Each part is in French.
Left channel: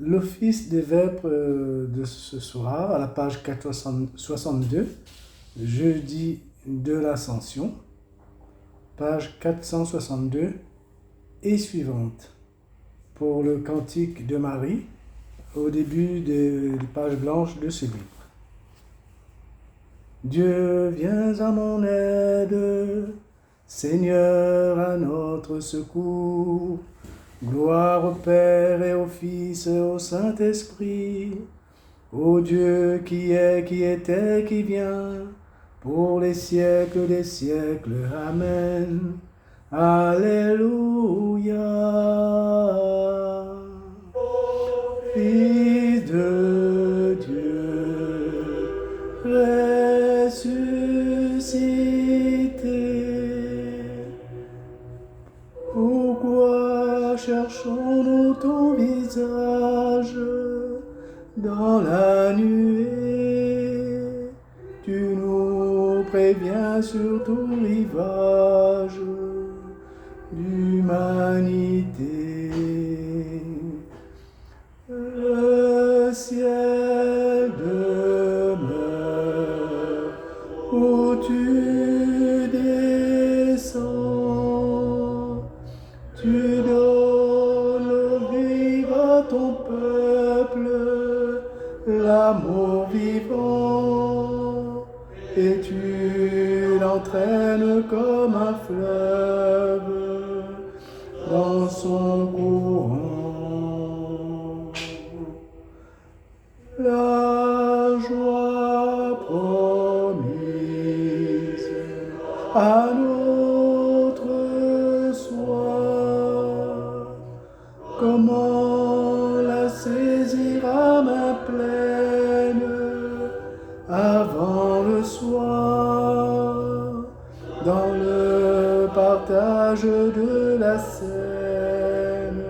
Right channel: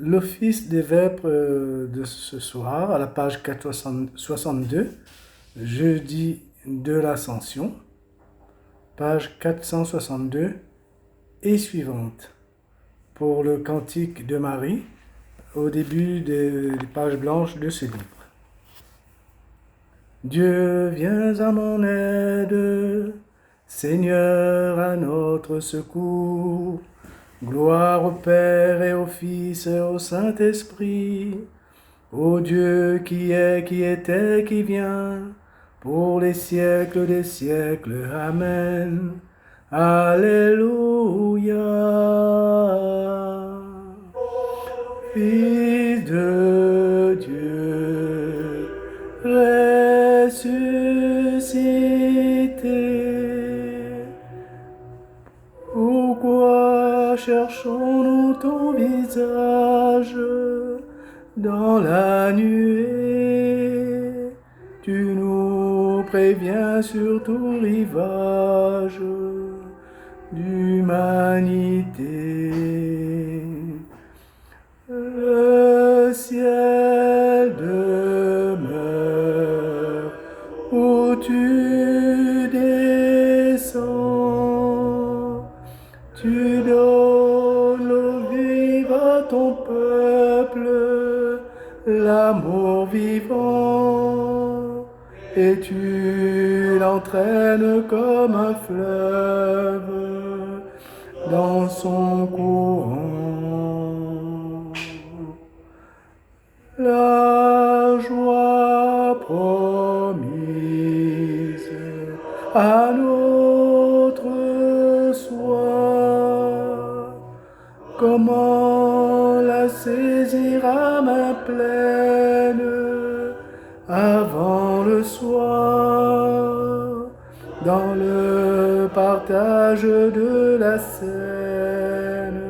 L'office des vêpres de ce soir, à la page 462, jeudi de l'Ascension, page 462 et suivante. Pour le cantique de Marie, au début des pages blanches de ce livre. Dieu, viens à mon aide, Seigneur, à notre secours. Gloire au Père et au Fils et au Saint-Esprit, ô Dieu qui est, qui était, qui vient, pour les siècles des siècles. Amen. Alléluia. Fils de Dieu, ressuscité, pourquoi cherchons-nous ton visage dans la nuée? Tu nous préviens sur tout rivage d'humanité. Le ciel demeure où tu descends. Tu donnes l'eau vive à ton peuple, l'amour vivant, et tu l'entraînes comme un fleuve dans son courant. La joie promise à notre soi, comment la saisir à main pleine avant le soir, dans le partage de la scène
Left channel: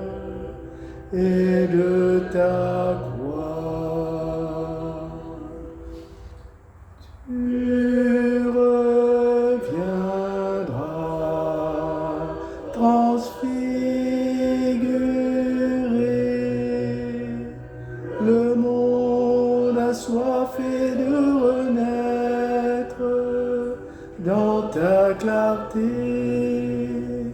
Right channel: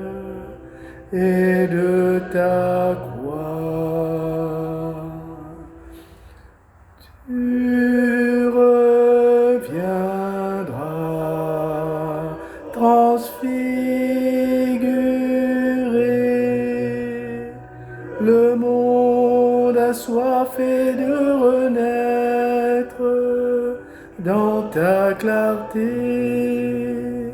et de ta croix. Tu reviendras transfiguré. Le monde a soifé de renaître dans ta clarté.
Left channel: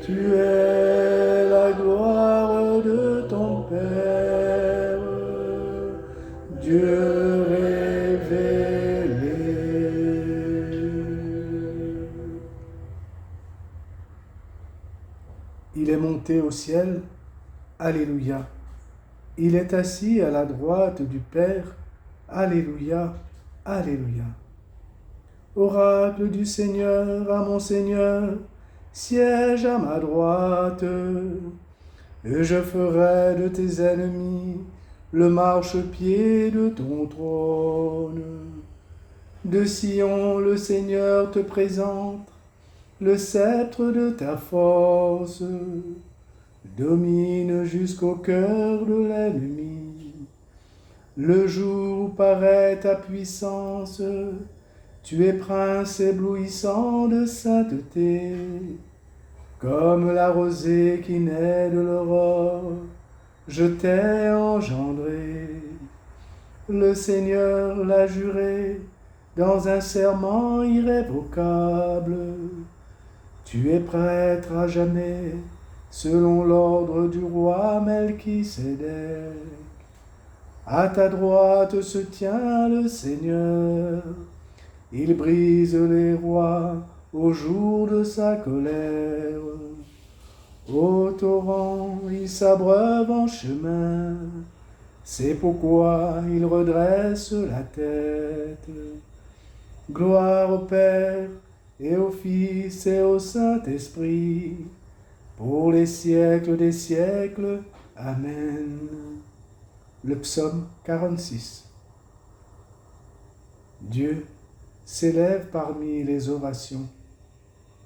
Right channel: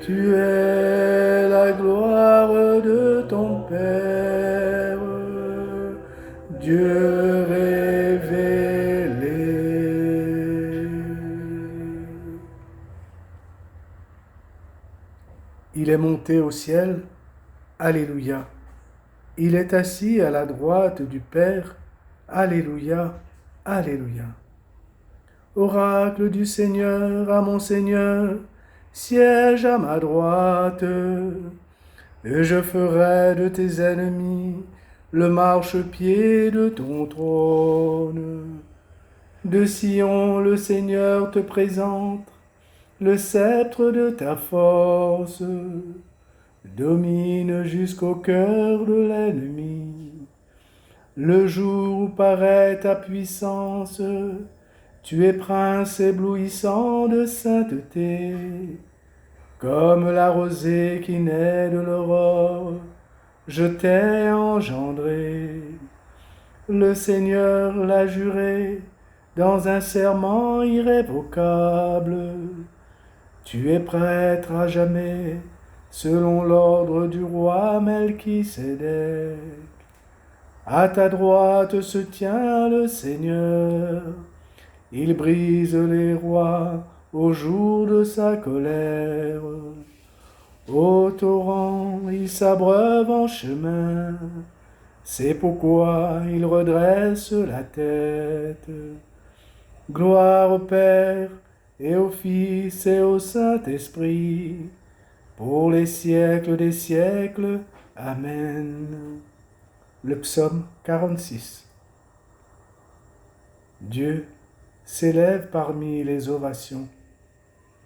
Tu es la gloire de ton Père, Dieu révélé. Il est monté au ciel, Alléluia. Il est assis à la droite du Père, Alléluia, Alléluia. Oracle du Seigneur, à mon Seigneur, siège à ma droite, et je ferai de tes ennemis le marchepied de ton trône. De Sion, le Seigneur te présente le sceptre de ta force, domine jusqu'au cœur de l'ennemi. Le jour où paraît ta puissance, tu es prince éblouissant de sainteté, comme la rosée qui naît de l'aurore, je t'ai engendré. Le Seigneur l'a juré dans un serment irrévocable. Tu es prêtre à jamais, selon l'ordre du roi Melchisédek. À ta droite se tient le Seigneur. Il brise les rois au jour de sa colère. Au torrent, il s'abreuve en chemin. C'est pourquoi il redresse la tête. Gloire au Père et au Fils et au Saint-Esprit, pour les siècles des siècles. Amen. Le psaume 46. Dieu s'élève parmi les ovations,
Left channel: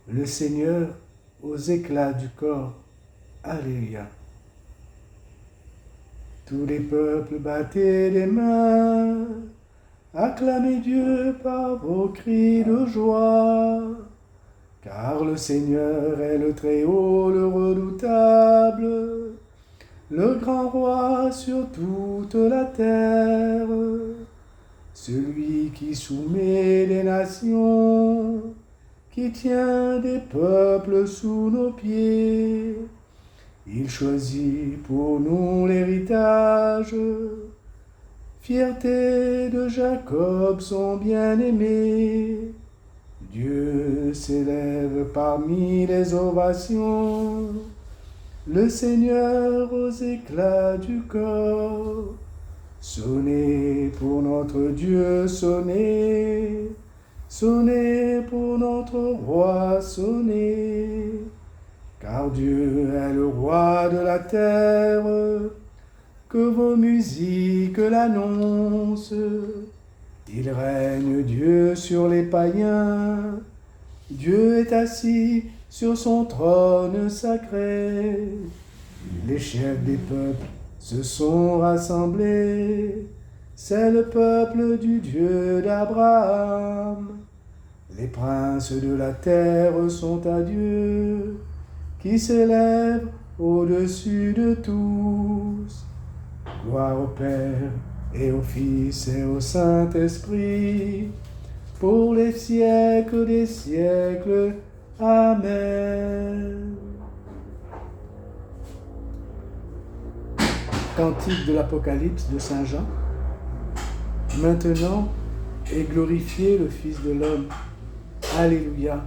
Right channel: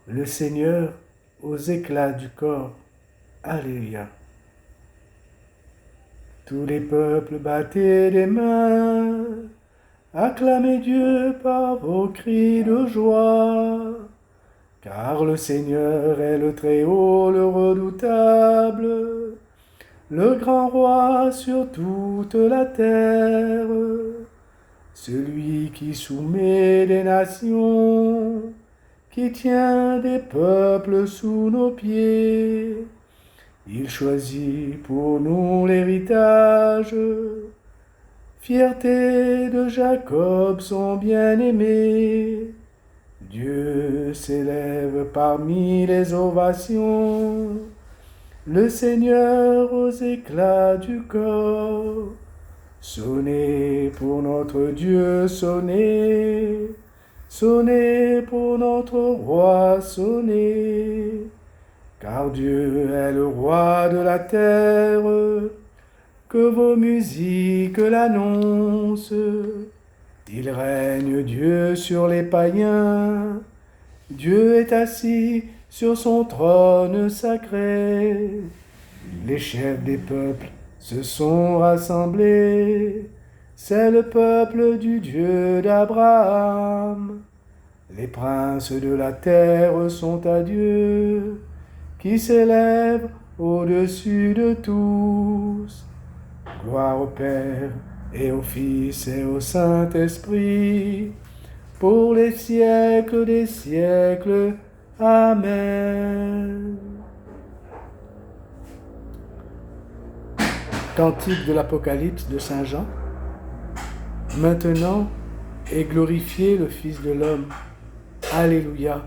le Seigneur aux éclats du corps. Alléluia. Tous les peuples battez des mains, acclamez Dieu par vos cris de joie, car le Seigneur est le Très-Haut, le redoutable. le grand roi sur toute la terre, celui qui soumet les nations, qui tient des peuples sous nos pieds. Il choisit pour nous l'héritage, fierté de Jacob son bien-aimé. Dieu s'élève parmi les ovations, le Seigneur aux éclats du corps. Sonnez pour notre Dieu, sonnez, sonnez pour notre roi, sonnez, car Dieu est le roi de la terre, que vos musiques l'annoncent. Il règne Dieu sur les païens, Dieu est assis sur son trône sacré. Les chefs des peuples se sont rassemblés, c'est le peuple du Dieu d'Abraham. Les princes de la terre sont à Dieu, qui s'élève au-dessus de tous. Gloire au Père et au Fils et au Saint-Esprit, pour les siècles des siècles. Amen. Cantique de l'Apocalypse de Saint Jean. Maintenant est glorifié le Fils de l'homme. Alléluia.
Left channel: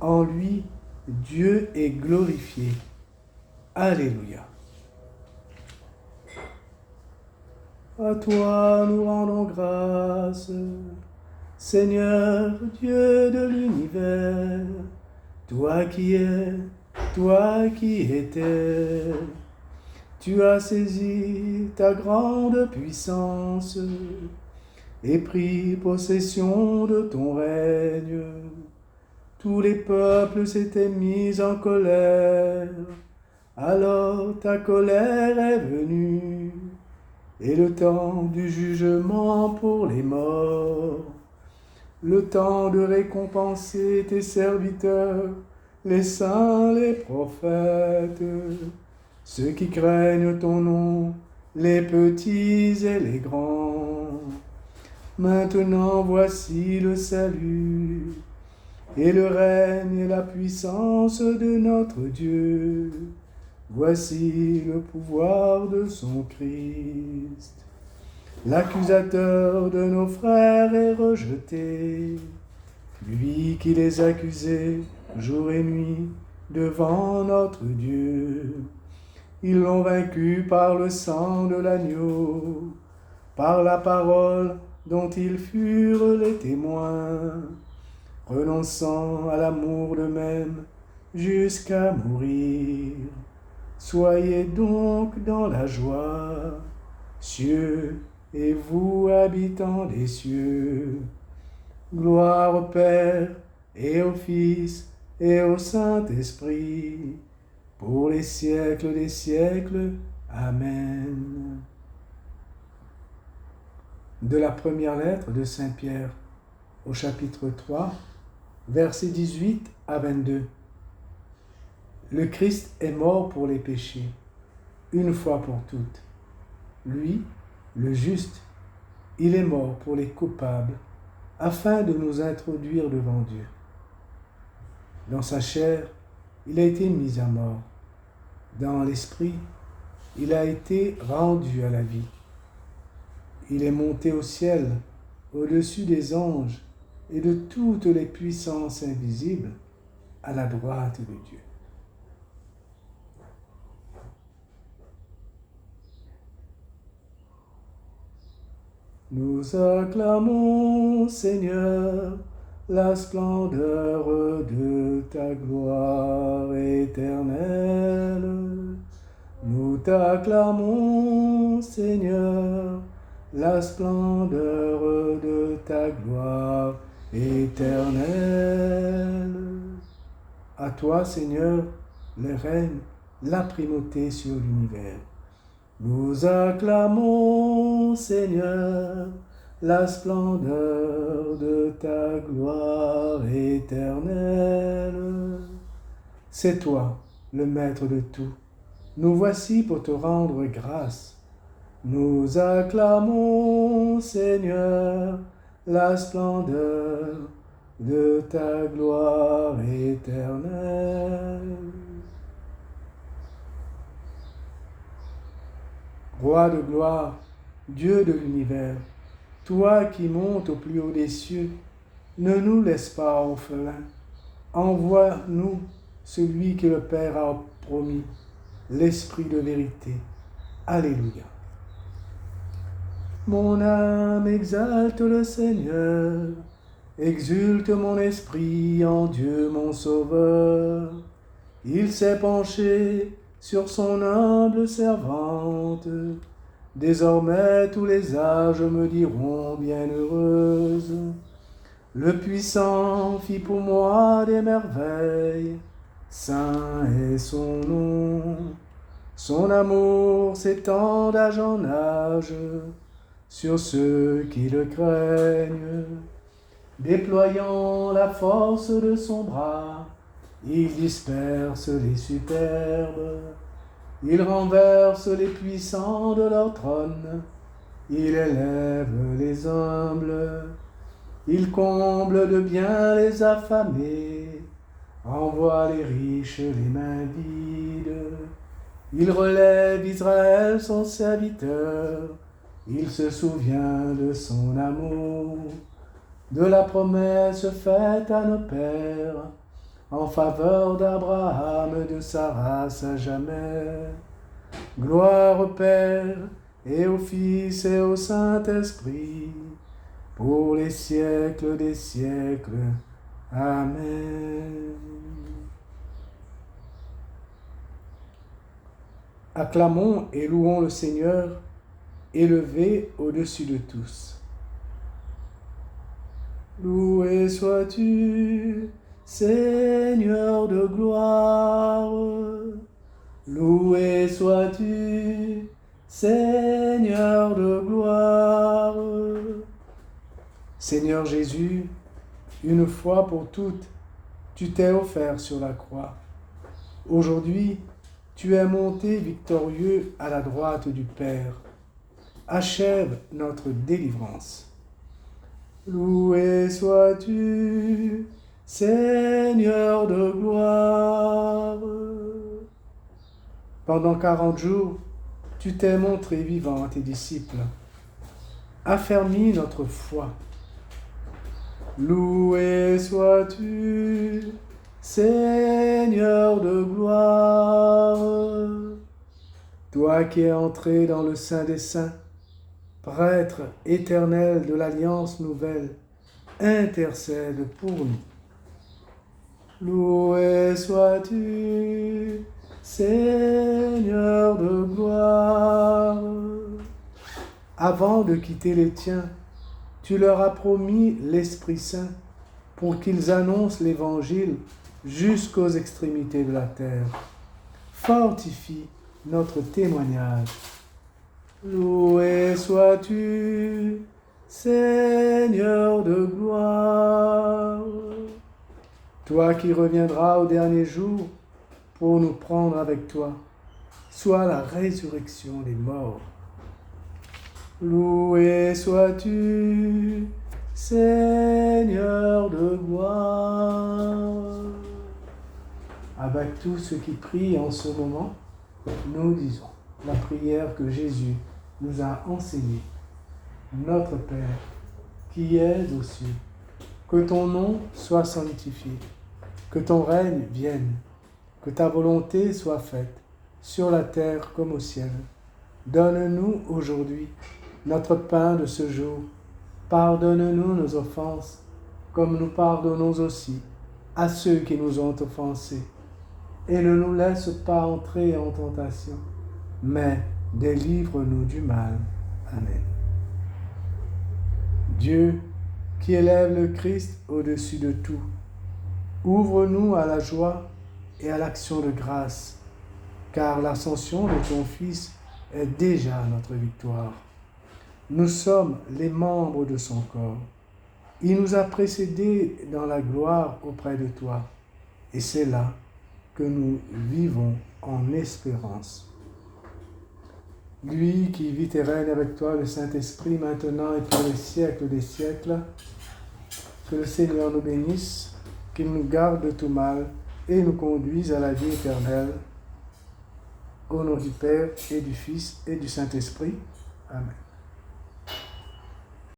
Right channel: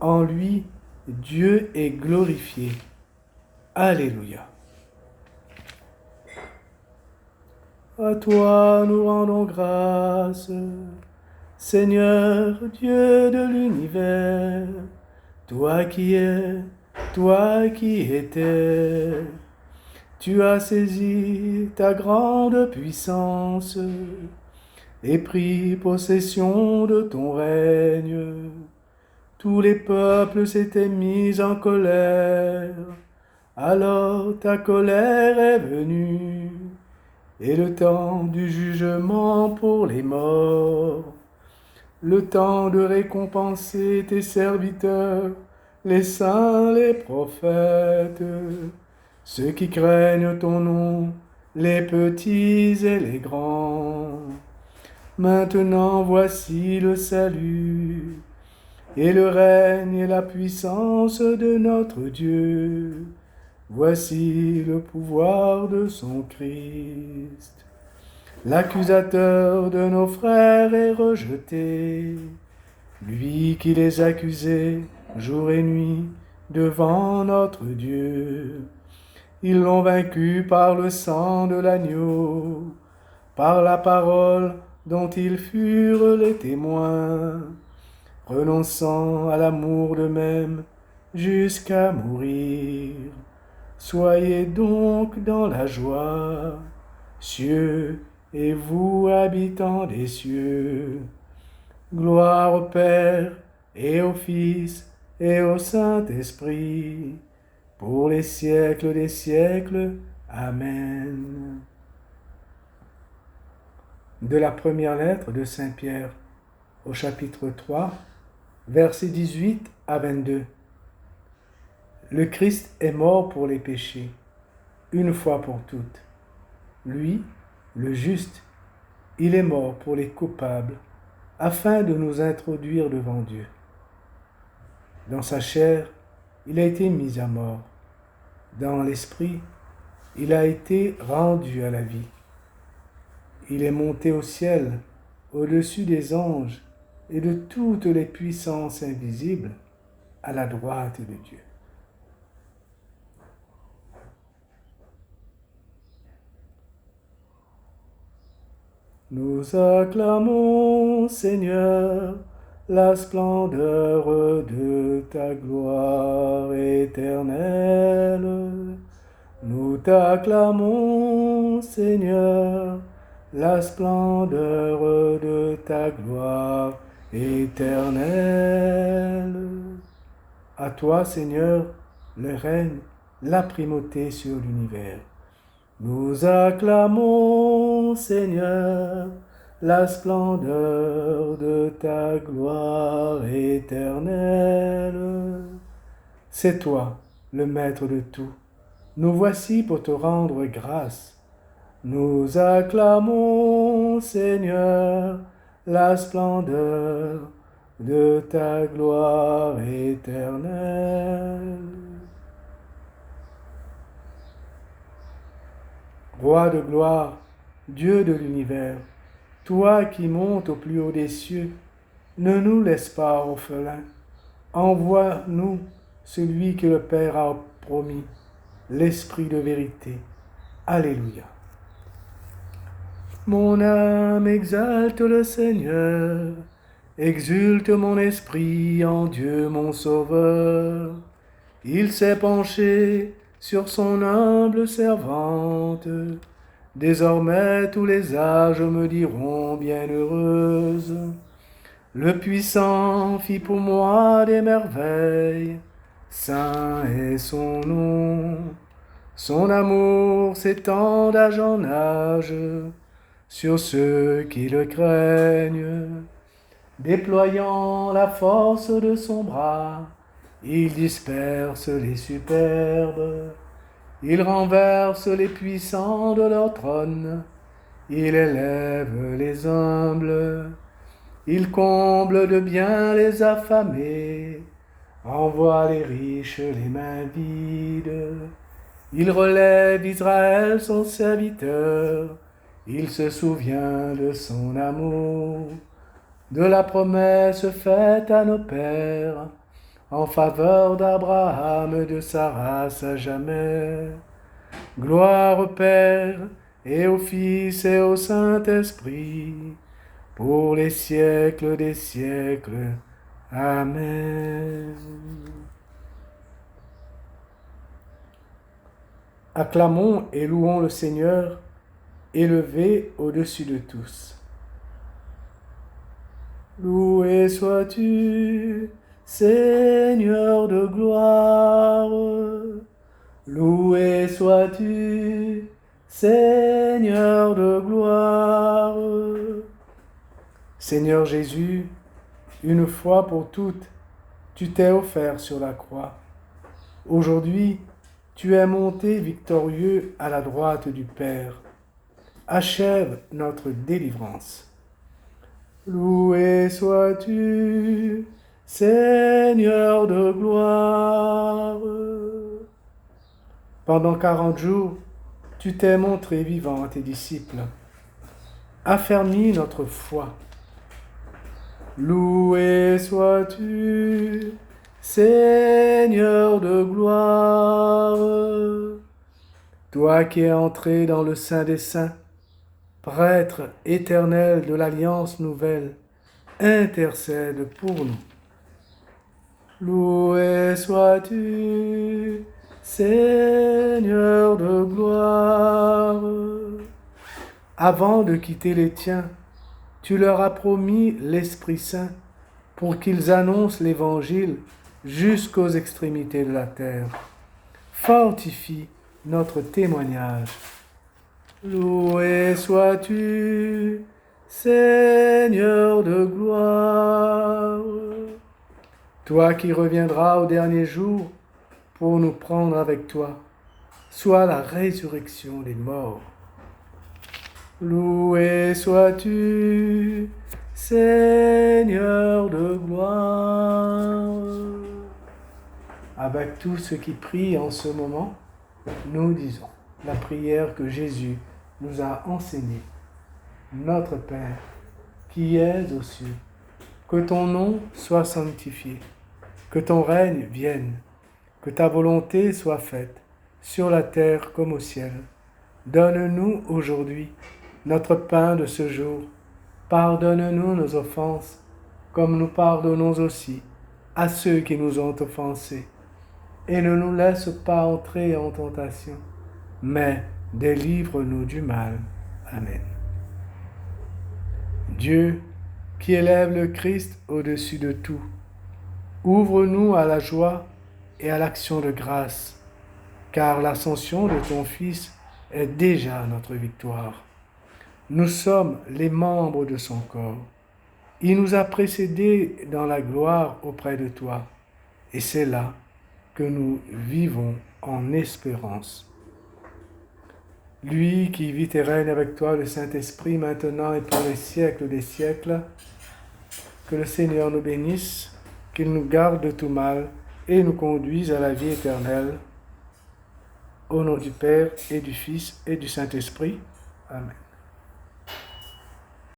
En lui, Dieu est glorifié. Alléluia. À toi nous rendons grâce, Seigneur Dieu de l'univers, toi qui es, toi qui étais. Tu as saisi ta grande puissance et pris possession de ton règne. Tous les peuples s'étaient mis en colère, alors ta colère est venue, et le temps du jugement pour les morts, le temps de récompenser tes serviteurs, les saints, les prophètes, ceux qui craignent ton nom, les petits et les grands. Maintenant voici le salut, et le règne et la puissance de notre Dieu. Voici le pouvoir de son Christ. L'accusateur de nos frères est rejeté, lui qui les accusait jour et nuit devant notre Dieu. Ils l'ont vaincu par le sang de l'agneau, par la parole dont ils furent les témoins, renonçant à l'amour d'eux-mêmes jusqu'à mourir. Soyez donc dans la joie, cieux et vous habitants des cieux. Gloire au Père et au Fils et au Saint-Esprit, pour les siècles des siècles. Amen. De la première lettre de Saint Pierre, au chapitre 3, versets 18 à 22. Le Christ est mort pour les péchés, une fois pour toutes. Lui, le juste, il est mort pour les coupables, afin de nous introduire devant Dieu. Dans sa chair, il a été mis à mort. Dans l'esprit, il a été rendu à la vie. Il est monté au ciel, au-dessus des anges et de toutes les puissances invisibles, à la droite de Dieu. Nous acclamons, Seigneur, la splendeur de ta gloire éternelle. Nous t'acclamons, Seigneur, la splendeur de ta gloire éternelle. À toi, Seigneur, le règne, la primauté sur l'univers. Nous acclamons, Seigneur, la splendeur de ta gloire éternelle. C'est toi, le maître de tout, nous voici pour te rendre grâce. Nous acclamons, Seigneur, la splendeur de ta gloire éternelle. Roi de gloire, Dieu de l'univers, toi qui montes au plus haut des cieux, ne nous laisse pas orphelins. Envoie-nous celui que le Père a promis, l'Esprit de vérité. Alléluia. Mon âme exalte le Seigneur, exulte mon esprit en Dieu mon Sauveur. Il s'est penché sur son humble servante. Désormais tous les âges me diront bienheureuse. Le Puissant fit pour moi des merveilles, saint est son nom. Son amour s'étend d'âge en âge sur ceux qui le craignent. Déployant la force de son bras, il disperse les superbes. Il renverse les puissants de leur trône. Il élève les humbles. Il comble de bien les affamés. Envoie les riches les mains vides. Il relève Israël son serviteur. Il se souvient de son amour, de la promesse faite à nos pères, en faveur d'Abraham et de sa race à jamais. Gloire au Père, et au Fils, et au Saint-Esprit, pour les siècles des siècles. Amen. Acclamons et louons le Seigneur, élevé au-dessus de tous. Loué sois-tu, Seigneur de gloire. Loué sois-tu, Seigneur de gloire. Seigneur Jésus, une fois pour toutes, tu t'es offert sur la croix. Aujourd'hui, tu es monté victorieux à la droite du Père. Achève notre délivrance. Loué sois-tu, Seigneur de gloire. Pendant 40 jours, tu t'es montré vivant à tes disciples. Affermis notre foi. Loué sois-tu, Seigneur de gloire. Toi qui es entré dans le Saint des Saints, Prêtre éternel de l'Alliance nouvelle, intercède pour nous. Loué sois-tu, Seigneur de gloire. Avant de quitter les tiens, tu leur as promis l'Esprit Saint pour qu'ils annoncent l'Évangile jusqu'aux extrémités de la terre. Fortifie notre témoignage. Loué sois-tu, Seigneur de gloire. Toi qui reviendras au dernier jour pour nous prendre avec toi, sois la résurrection des morts. Loué sois-tu, Seigneur de gloire. Avec tous ceux qui prient en ce moment, nous disons la prière que Jésus nous a enseignée. Notre Père, qui es aux cieux, que ton nom soit sanctifié, que ton règne vienne, que ta volonté soit faite, sur la terre comme au ciel. Donne-nous aujourd'hui notre pain de ce jour. Pardonne-nous nos offenses, comme nous pardonnons aussi à ceux qui nous ont offensés. Et ne nous laisse pas entrer en tentation, mais délivre-nous du mal. Amen. Dieu, qui élève le Christ au-dessus de tout, ouvre-nous à la joie et à l'action de grâce, car l'ascension de ton Fils est déjà notre victoire. Nous sommes les membres de son corps. Il nous a précédés dans la gloire auprès de toi, et c'est là que nous vivons en espérance. Lui qui vit et règne avec toi, le Saint-Esprit, maintenant et pour les siècles des siècles, que le Seigneur nous bénisse, qu'il nous garde de tout mal et nous conduise à la vie éternelle. Au nom du Père et du Fils et du Saint-Esprit. Amen.